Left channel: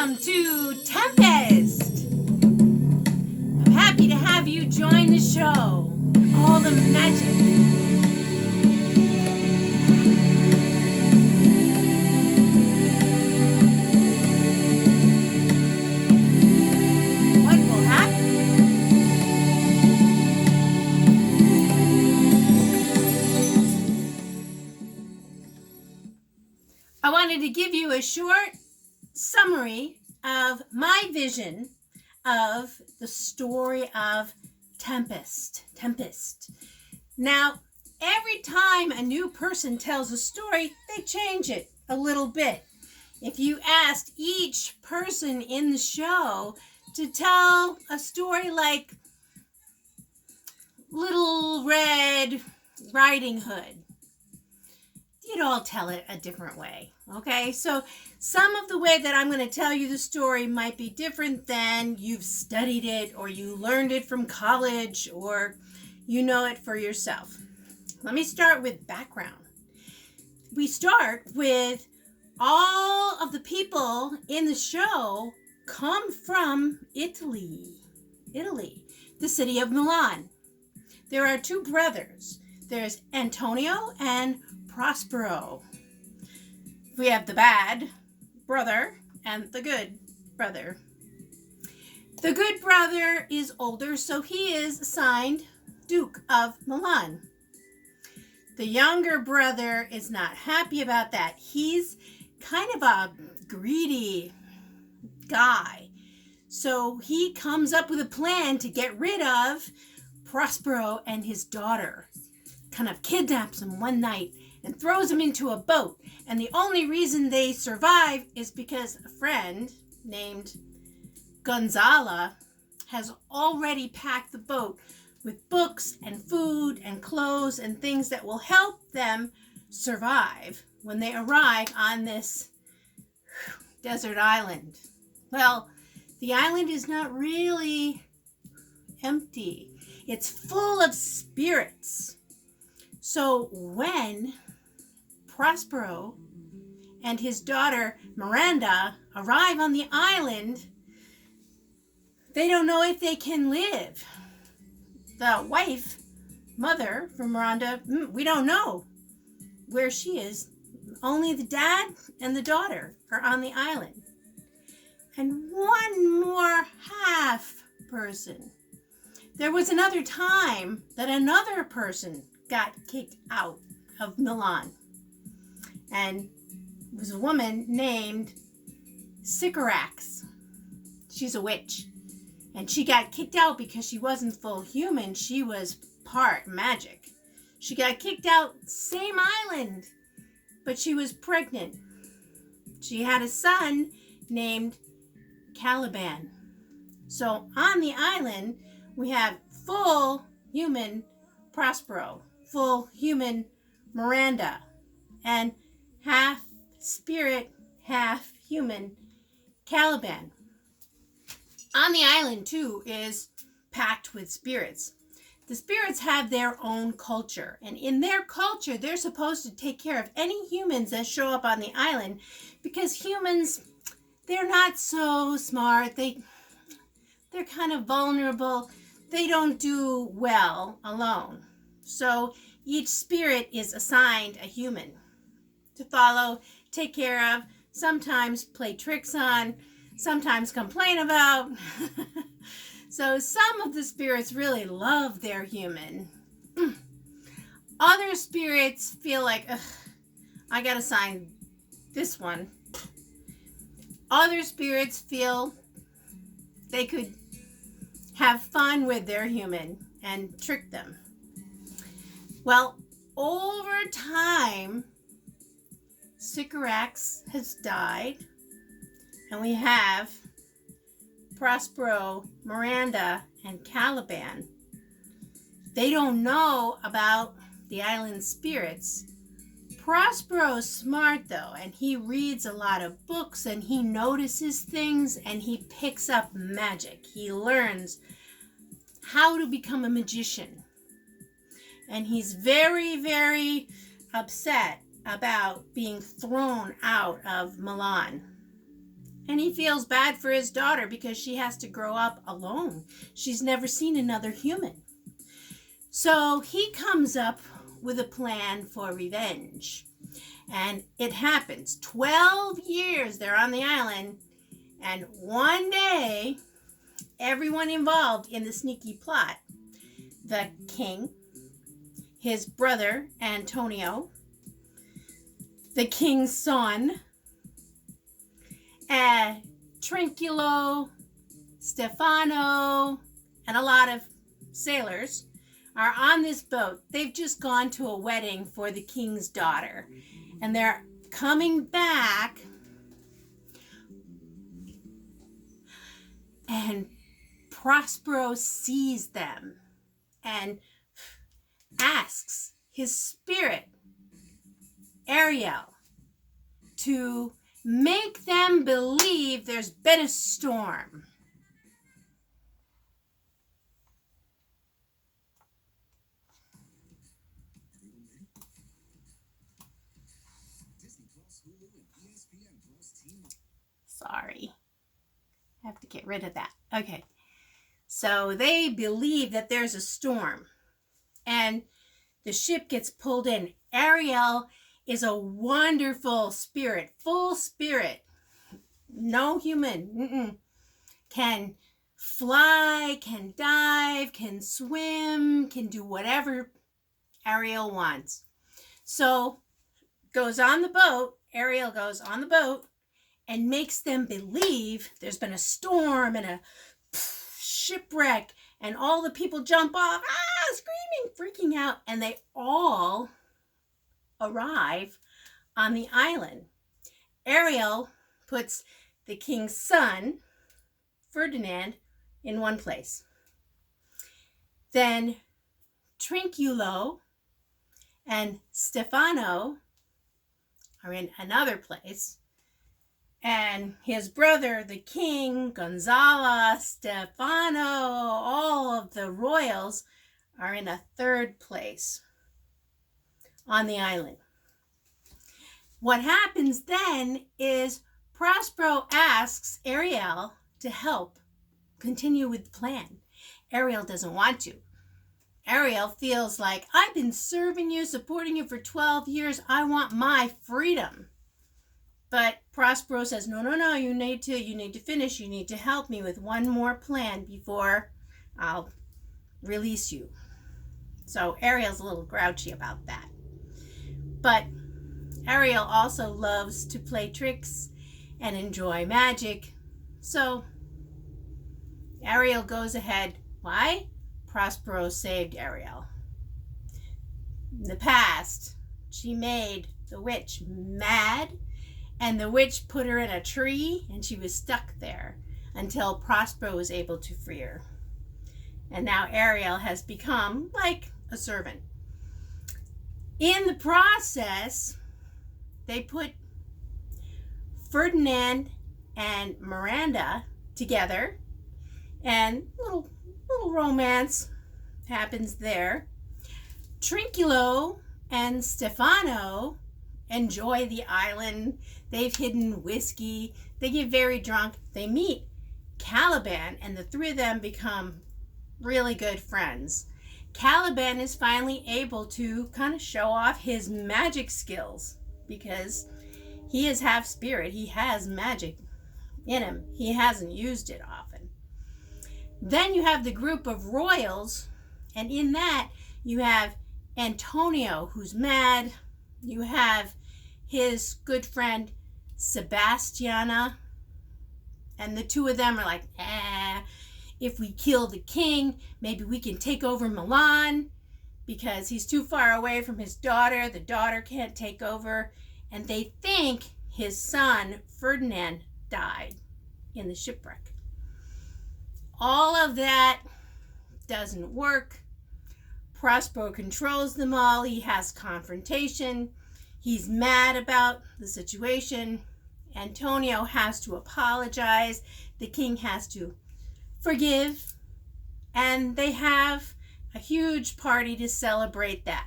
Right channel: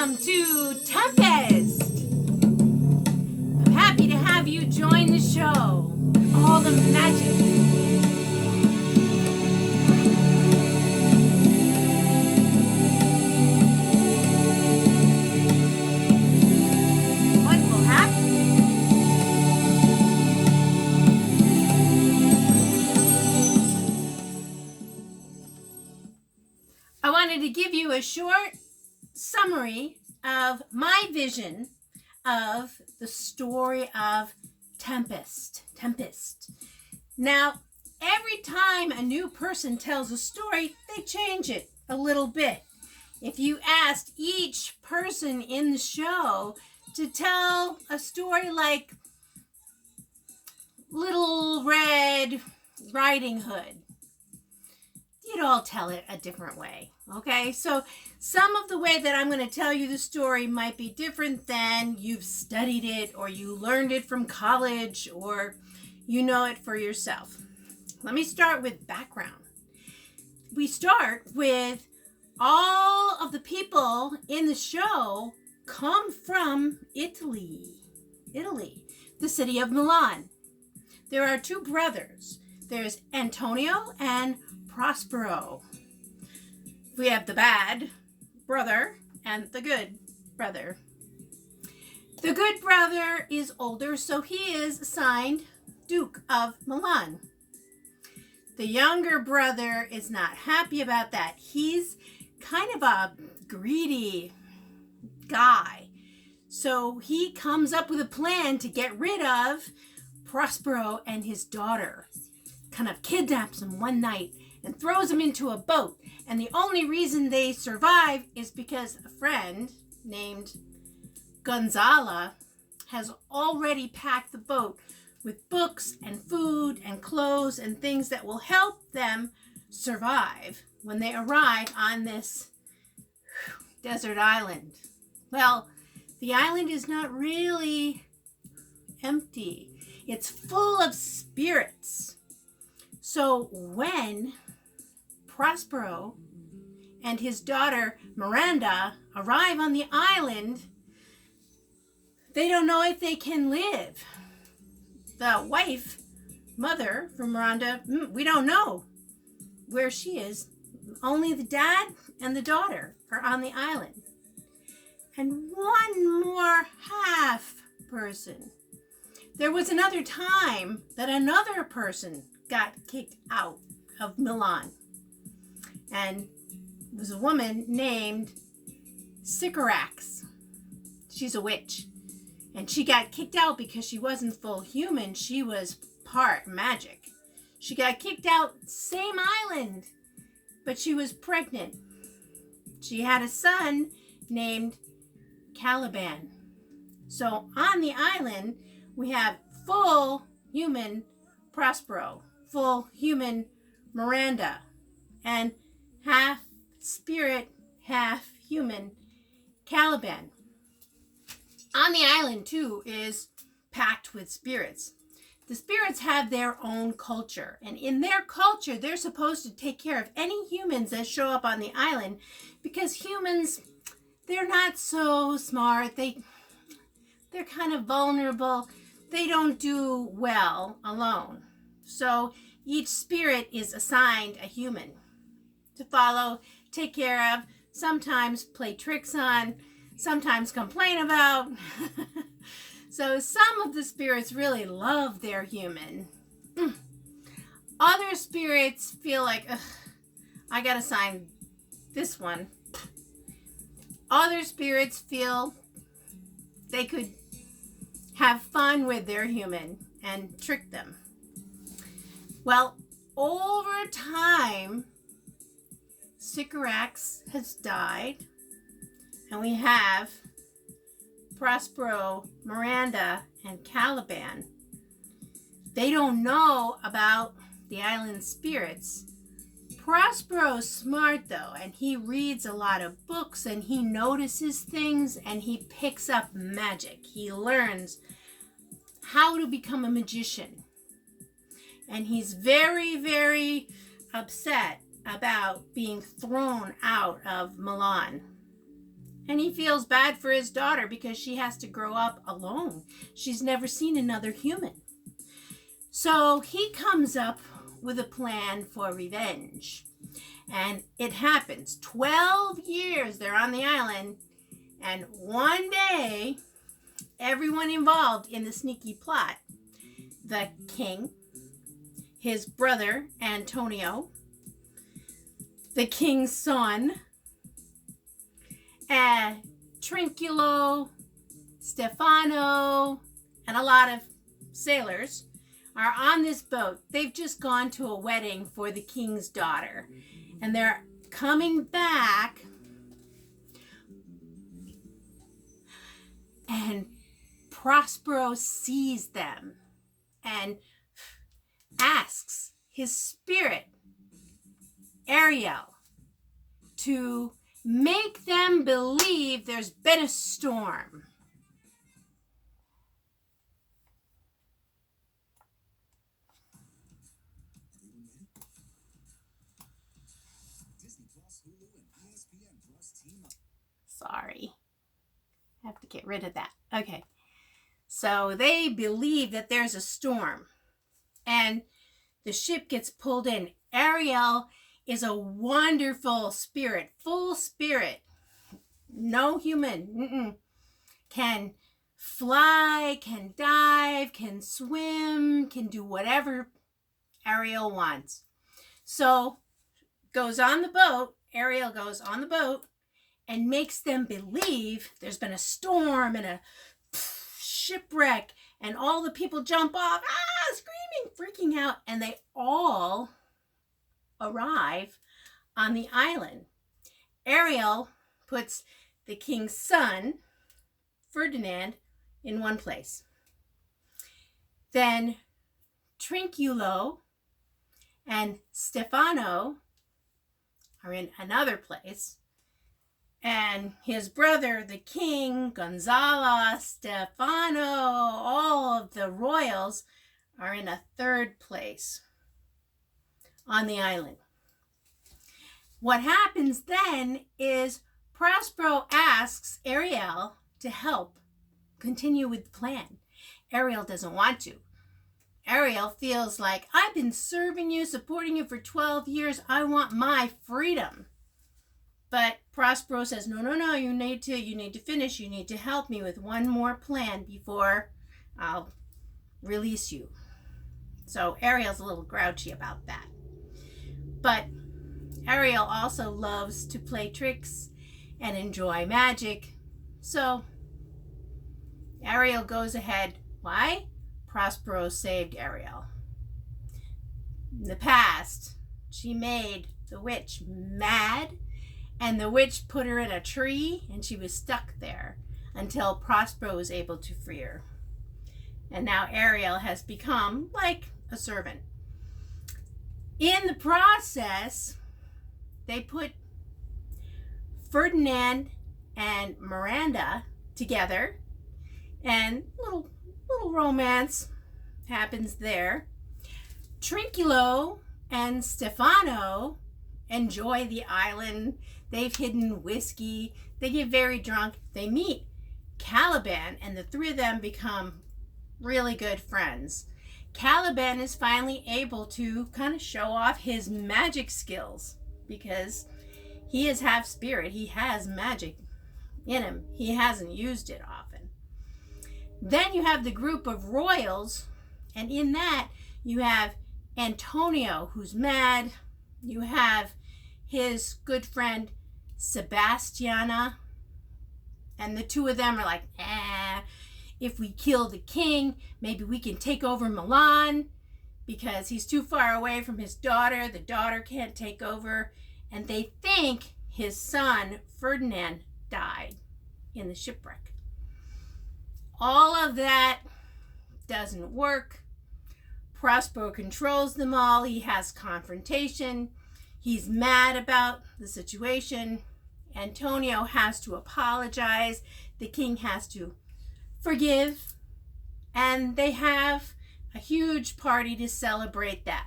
Welcome to Tempest. I'm happy to have you join the show. All the magic. What will happen? I wanted to give you a short summary of my vision of the story of Tempest. Now, every time a new person tells a story, they change it a little bit. If you asked each person in the show to tell a story like Little Red Riding Hood, you'd all tell it a different way. Okay, so some of the way that I'm going to tell you the story might be different than you've studied it or you learned it from college or you know it for yourself. Let me start with background. We start with all of the people in the show come from Italy, the city of Milan. There are two brothers. There's Antonio and Prospero. We have the bad brother and the good brother. The good brother is older, so he is assigned Duke of Milan. The younger brother is not happy about that. He's kind of a greedy guy. So he comes up with a plan to get rid of Prospero and his daughter. Kind of kidnaps him one night and throws him into a boat. And the only reason they survive is because a friend named Gonzala has already packed the boat with books and food and clothes and things that will help them survive when they arrive on this desert island. Well, the island is not really empty. It's full of spirits. So when Prospero and his daughter Miranda arrive on the island, they don't know if they can live. The wife, mother from Miranda, we don't know where she is. Only the dad and the daughter are on the island. And one more half person. There was another time that another person got kicked out of Milan. And it was a woman named Sycorax. She's a witch. And she got kicked out because she wasn't full human. She was part magic. She got kicked out, same island, but she was pregnant. She had a son named Caliban. So on the island, we have full human Prospero, full human Miranda, and half spirit, half human Caliban. On the island, too, is packed with spirits. The spirits have their own culture, and in their culture, they're supposed to take care of any humans that show up on the island, because humans, they're not so smart. They're kind of vulnerable. They don't do well alone. So each spirit is assigned a human to follow, take care of, sometimes play tricks on, sometimes complain about. So some of the spirits really love their human. Other spirits feel like, I gotta sign this one. Other spirits feel they could have fun with their human and trick them. Well, over time, Sycorax has died, and we have Prospero, Miranda, and Caliban. They don't know about the island spirits. Prospero's smart, though, and he reads a lot of books, and he notices things, and he picks up magic. He learns how to become a magician. And he's very, very upset about being thrown out of Milan. And he feels bad for his daughter because she has to grow up alone. She's never seen another human. So he comes up with a plan for revenge. And it happens. 12 years they're on the island. And one day, everyone involved in the sneaky plot, the king, his brother Antonio, the king's son, Trinculo, Stefano, and a lot of sailors are on this boat. They've just gone to a wedding for the king's daughter, and they're coming back, and Prospero sees them and asks his spirit, Ariel, to make them believe there's been a storm. Sorry, I have to get rid of that. Okay, so they believe that there's a storm, and the ship gets pulled in. Ariel is a wonderful spirit, full spirit. No human can fly, can dive, can swim, can do whatever Ariel wants. So Ariel goes on the boat and makes them believe there's been a storm and a shipwreck, and all the people jump off, screaming, freaking out, and they all arrive on the island. Ariel puts the king's son, Ferdinand, in one place. Then Trinculo and Stefano are in another place. And his brother, the king, Gonzalo, Stefano, all of the royals are in a third place on the island. What happens then is Prospero asks Ariel to help continue with the plan. Ariel doesn't want to. Ariel feels like, I've been serving you, supporting you for 12 years. I want my freedom. But Prospero says, no, you need to finish. You need to help me with one more plan before I'll release you. So Ariel's a little grouchy about that. But Ariel also loves to play tricks and enjoy magic. So Ariel goes ahead. Why? Prospero saved Ariel. In the past, she made the witch mad, and the witch put her in a tree, and she was stuck there until Prospero was able to free her. And now Ariel has become like a servant. In the process, they put Ferdinand and Miranda together, and little romance happens there. Trinculo and Stefano enjoy the island. They've hidden whiskey. They get very drunk. They meet Caliban, and the three of them become really good friends. Caliban is finally able to kind of show off his magic skills because he is half spirit. He has magic in him. He hasn't used it often. Then you have the group of royals, and in that you have Antonio, who's mad. You have his good friend Sebastiana, and the two of them are like, if we kill the king, maybe we can take over Milan because he's too far away from his daughter. The daughter can't take over. And they think his son, Ferdinand, died in the shipwreck. All of that doesn't work. Prospero controls them all. He has confrontation. He's mad about the situation. Antonio has to apologize. The king has to forgive, and they have a huge party to celebrate that.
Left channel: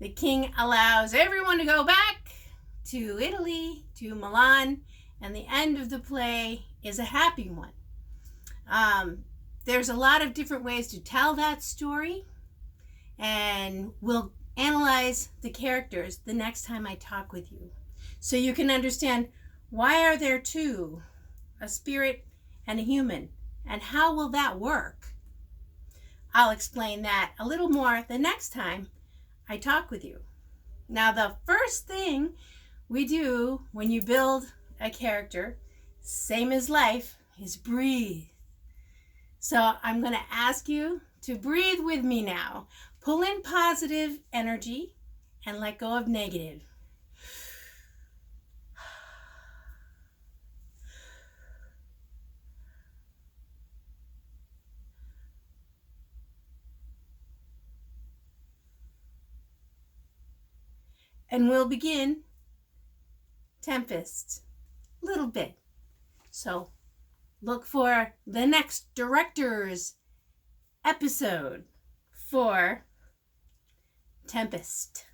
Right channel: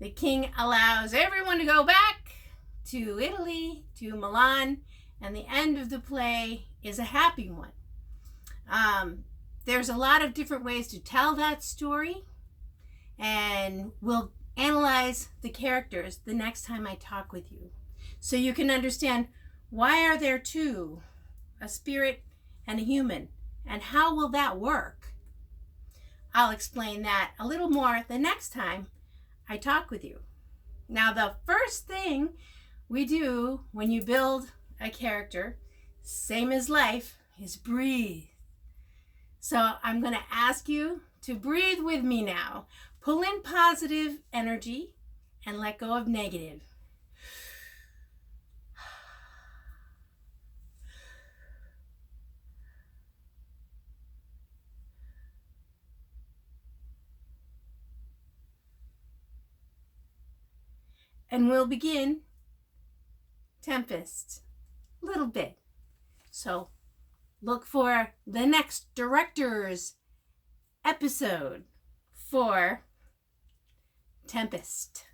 The king allows everyone to go back to Italy, to Milan, and the end of the play is a happy one. There's a lot of different ways to tell that story, and we'll analyze the characters the next time I talk with you, so you can understand why are there two, a spirit and a human, and how will that work? I'll explain that a little more the next time I talk with you. Now, the first thing we do when you build a character, same as life, is breathe. So I'm going to ask you to breathe with me now. Pull in positive energy and let go of negative. And we'll begin Tempest, a little bit. So look for the next director's episode for Tempest.